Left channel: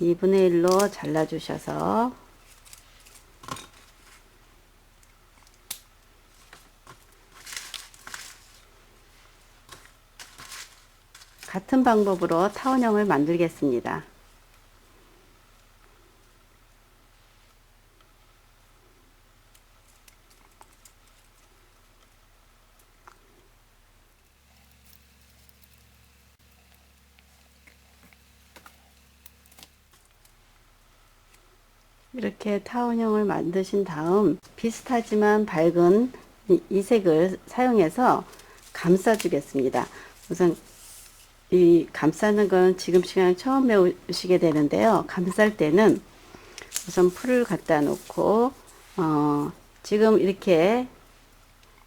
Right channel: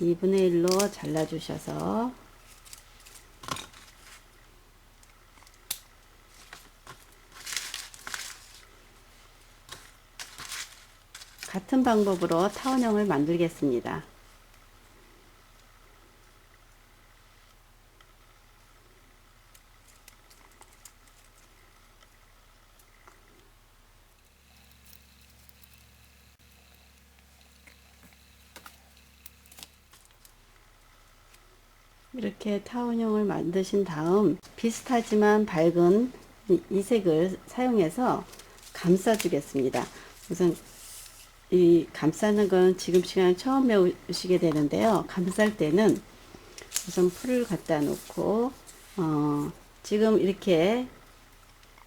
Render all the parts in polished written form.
2분의 1로 잘라 주셔서 같은 방법으로 타원형을 만들겠습니다. 이렇게 타원형을 만드신 다음 비슷하지만 밝은 이 색을 사용해서 감싸 주겠습니다. 우선 이 감싸는 건 지금 시간 처음 배우시게 되는데요. 감쌀 때는 우선 풀을 갖다 놓고 지금 이렇게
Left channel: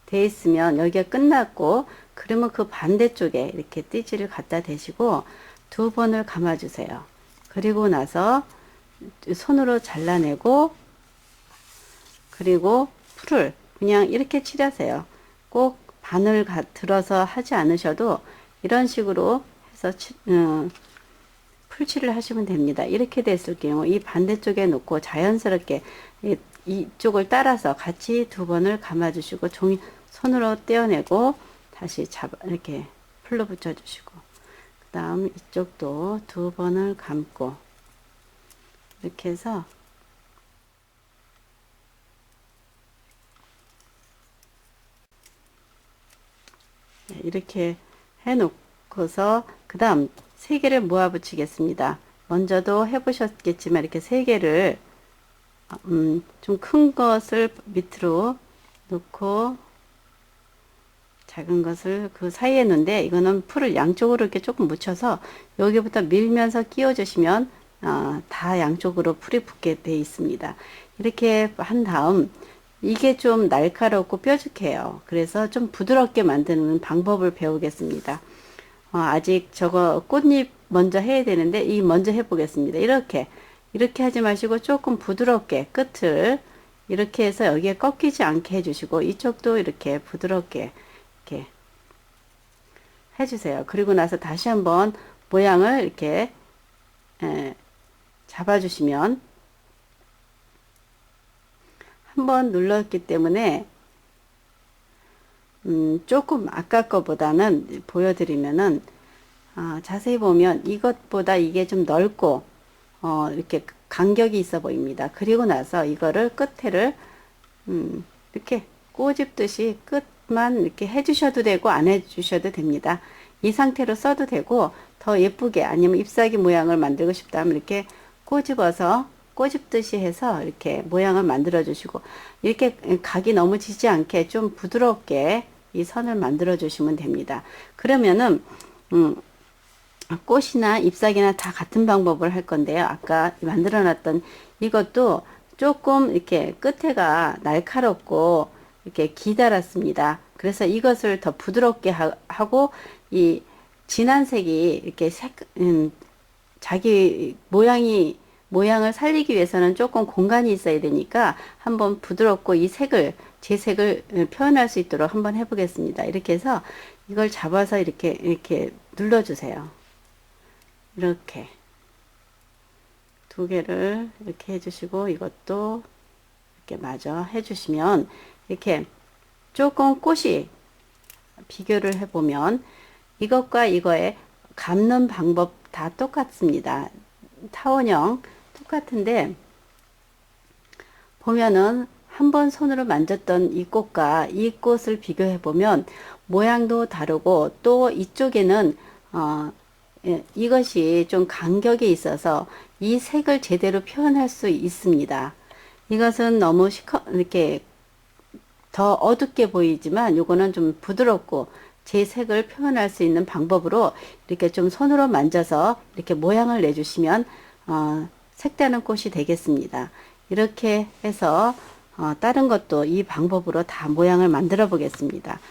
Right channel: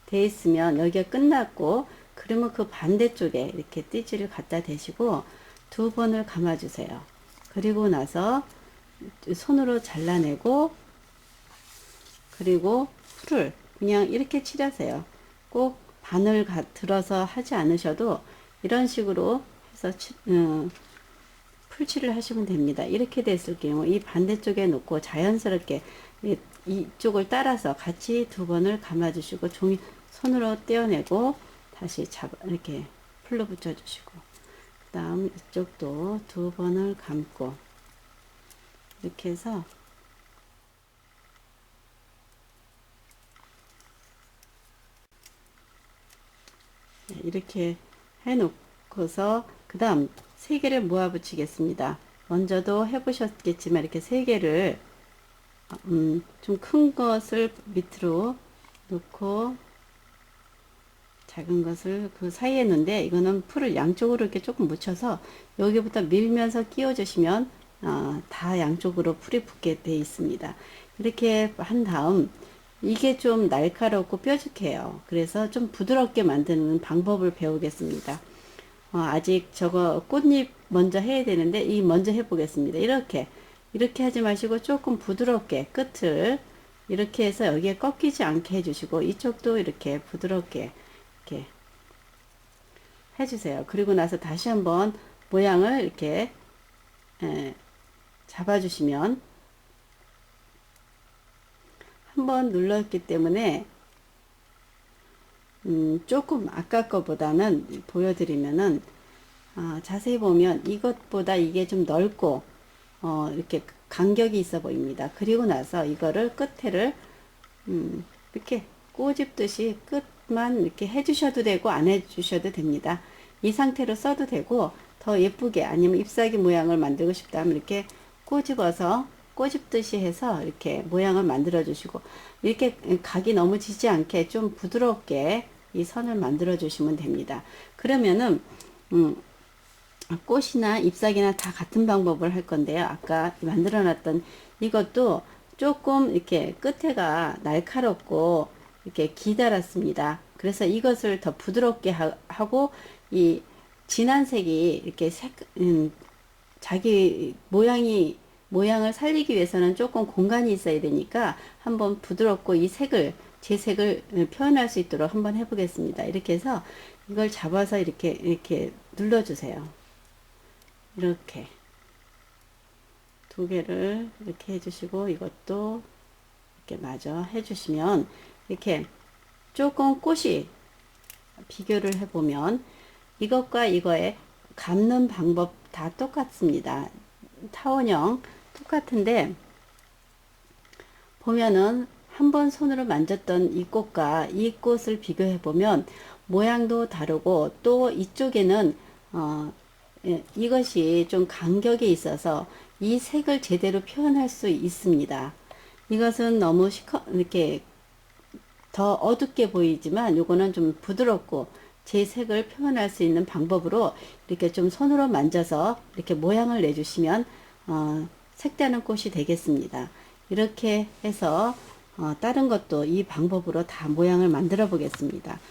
돼 있으면 여기가 끝났고, 그러면 그 반대쪽에 이렇게 띠지를 갖다 대시고 2번을 감아 주세요. 그리고 나서 손으로 잘라내고, 그리고 풀을 그냥 이렇게 칠하세요. 꼭 바늘 들어서 하지 않으셔도 이런 식으로 해서 풀칠을 하시면 됩니다. 이렇게 됐을 경우 이 반대쪽에 놓고 자연스럽게 이쪽을 따라서 같이 2번을 감아 주시고 종이 손으로 떼어내고 다시 이렇게 풀로 붙여 주시고, 그 다음 이쪽도 2번을 감고 이렇게 해서 이렇게 해 놓고서 그 다음 3개를 모아 붙이겠습니다. 먼저도 해 보셨겠지만 이렇게 3개를 좀 큰 것을 밑으로 놓고 작은 것을 그 사이에 놓는데, 이거는 풀을 양쪽으로 이렇게 조금 묻혀서 여기부터 밀면서 끼워 주시면 다 양쪽으로 풀이 붙게 돼 있습니다. 이렇게 한 다음 이게 좀 날카롭고 뾰족해요. 그래서 좀 부드럽게 만드는 방법을 배우겠습니다. 아직 저거 꽃잎 먼저 해야 되는데 이 먼저 해 보겠습니다. 이렇게 하지 마시고 조금 부드럽게 끝을 이렇게 해서 여기에 꺾이지 않게 해주시고, 이쪽도 이렇게 부드럽게 이렇게 해주세요. 그리고 나서 다시 한번 모양을 이렇게 잡아주시면, 한번 눌렀기 때문에 조금 아까 거보다는 보여드리면은 자세히 보면 이것보다 이게 좀 넓고 이렇게 간격이 있어 보입니다. 그리고 나서 이거를 끝에를 이렇게 꼬집듯이 끝만 이렇게 해주셔도 되고 안 해주셔도 됩니다. 이 상태로 써도 되고, 더 예쁘게 아니면 잎사귀 모양을 만들고 싶다면 이렇게 꼬집듯이 해서 이렇게 모양을 만들어 주시고, 이렇게 각이 너무 지지 않게 좀 부드럽게 이 선을 만들어 주시면 됩니다. 그러면은 꽃이나 잎사귀나 다 같은 방법을 할 건데요. 아까 만들어 놨던 이것도 조금 이렇게 끝에가 날카롭고 이렇게 기다랗습니다. 그래서 이것을 더 부드럽게 하고 이 진한 색이 이렇게 자기 모양을 살리기 위해서는 조금 공간이 있어야 되니까 한번 부드럽고 이 색을, 제 색을 표현할 수 있도록 한번 해보겠습니다. 이렇게 해서 이걸 잡아서 이렇게 눌러주세요. 이렇게 2개를 이렇게 해주시고, 이것도 이렇게 마저 해주시면, 이렇게 조금 꽃이 비교를 해보면 이것과 이거의 감는 방법 다 똑같습니다. 타원형 똑같은데, 보면은 한번 손으로 만졌던 이 꽃과 이 꽃을 비교해 보면 모양도 다르고, 또 이쪽에는 이것이 좀 간격이 있어서 이 색을 제대로 표현할 수 있습니다. 이것은 너무 이렇게 더 어둡게 보이지만 요거는 좀 부드럽고 제 색을 표현할 수 있는 방법으로 이렇게 좀 손으로 만져서 이렇게 모양을 내주시면 색다른 꽃이 되겠습니다. 이렇게 해서 다른 것도 이 방법으로 다 모양을 만들어 보겠습니다.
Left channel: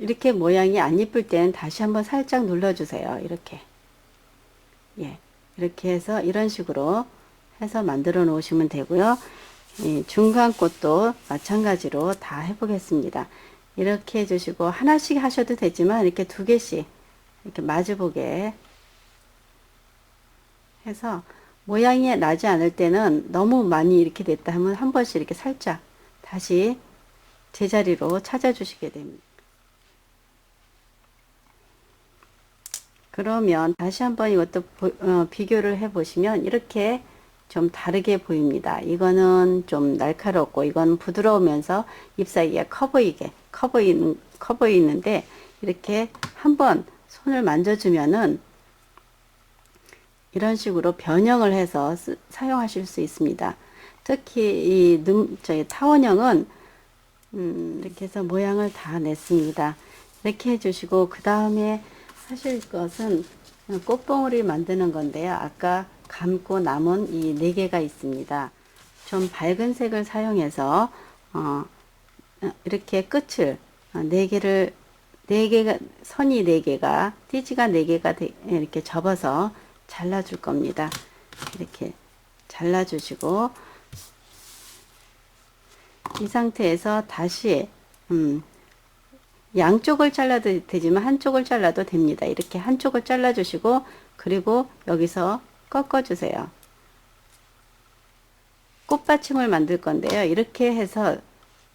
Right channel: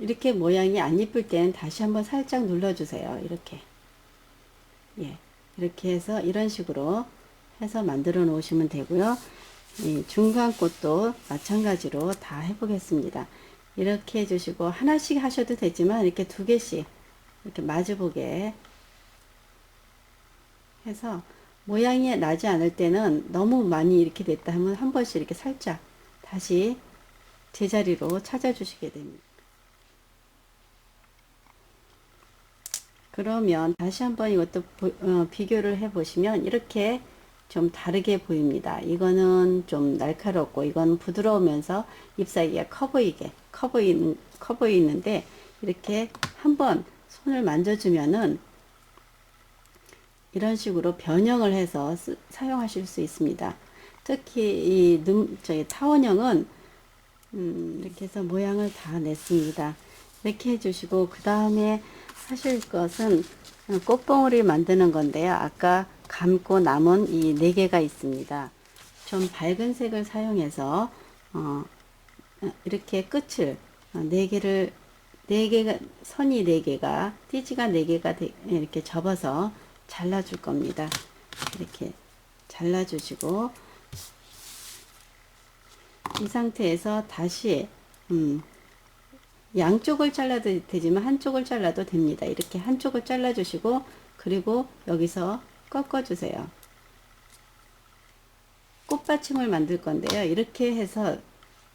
이렇게 모양이 안 이쁠 때는 다시 한번 살짝 눌러주세요. 이렇게. 예. 이렇게 해서 이런 식으로 해서 만들어 놓으시면 되고요. 이 중간 꽃도 마찬가지로 다 해보겠습니다. 이렇게 해주시고 하나씩 하셔도 되지만 이렇게 두 개씩 이렇게 마주보게 해서 모양이 나지 않을 때는 너무 많이 이렇게 됐다 하면 한 번씩 이렇게 살짝 다시 제자리로 찾아주시게 됩니다. 그러면 다시 한번 이것도 비교를 해 보시면 이렇게 좀 다르게 보입니다. 이거는 좀 날카롭고 이건 부드러우면서 잎사귀가 커 보이는데 이렇게 한번 손을 만져주면은 이런 식으로 변형을 해서 사용하실 수 있습니다. 특히 이 저희 타원형은 이렇게 해서 모양을 다 냈습니다. 이렇게 해주시고 그 다음에 하실 것은 꽃봉오리 만드는 건데요. 아까 감고 남은 이 4개가 있습니다. 좀 밝은 색을 사용해서 이렇게 끝을 4개가 선이 4개가 띠지가 4개가 이렇게 접어서 잘라 줄 겁니다. 이렇게 잘라 주시고 이 상태에서 다시 양쪽을 잘라도 되지만 한쪽을 잘라도 됩니다. 이렇게 한쪽을 잘라 주시고 그리고 여기서 꺾어 주세요. 꽃받침을 만들 건데요. 이렇게 해서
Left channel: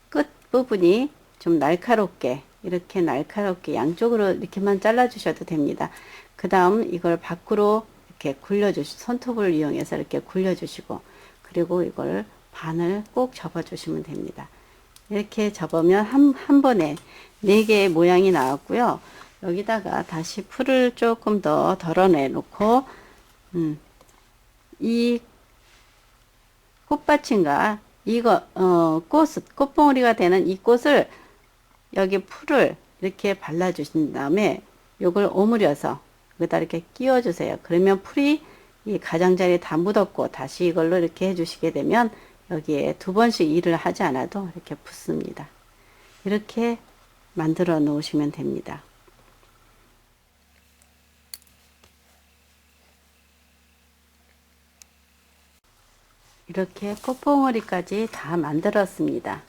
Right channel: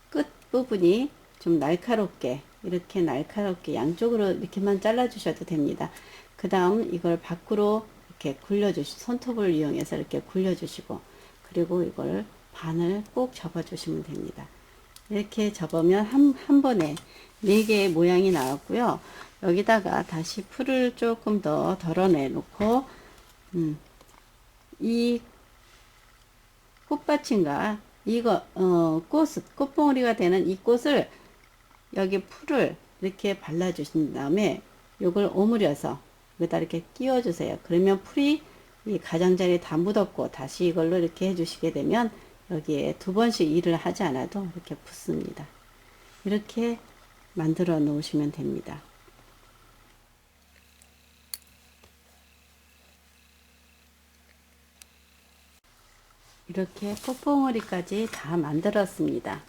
끝 부분이 좀 날카롭게 이렇게 날카롭게 양쪽으로 이렇게만 잘라 주셔도 됩니다. 그 다음 이걸 밖으로 이렇게 굴려 손톱을 이용해서 이렇게 굴려 주시고 그리고 이걸 반을 꼭 접어 주시면 됩니다. 이렇게 접으면 한 번에 4개의 모양이 나왔고요. 여기다가 다시 풀을 조금 더 덜어내 놓고 이 꽃받침과 이거 꽃봉오리가 되는 이 꽃을 여기 풀을 이렇게 발라 주신 다음에 요걸 오므려서 여기다 이렇게 끼워 주세요. 그러면 풀이 이 가장자리에 다 묻었고 다시 이걸로 이렇게 해 주시게 되면 여기에 2번씩 일을 하지 않아도 이렇게 붙습니다. 이렇게 만들어 놓으시면 됩니다. 이렇게 꽃봉오리까지 다 만들었습니다.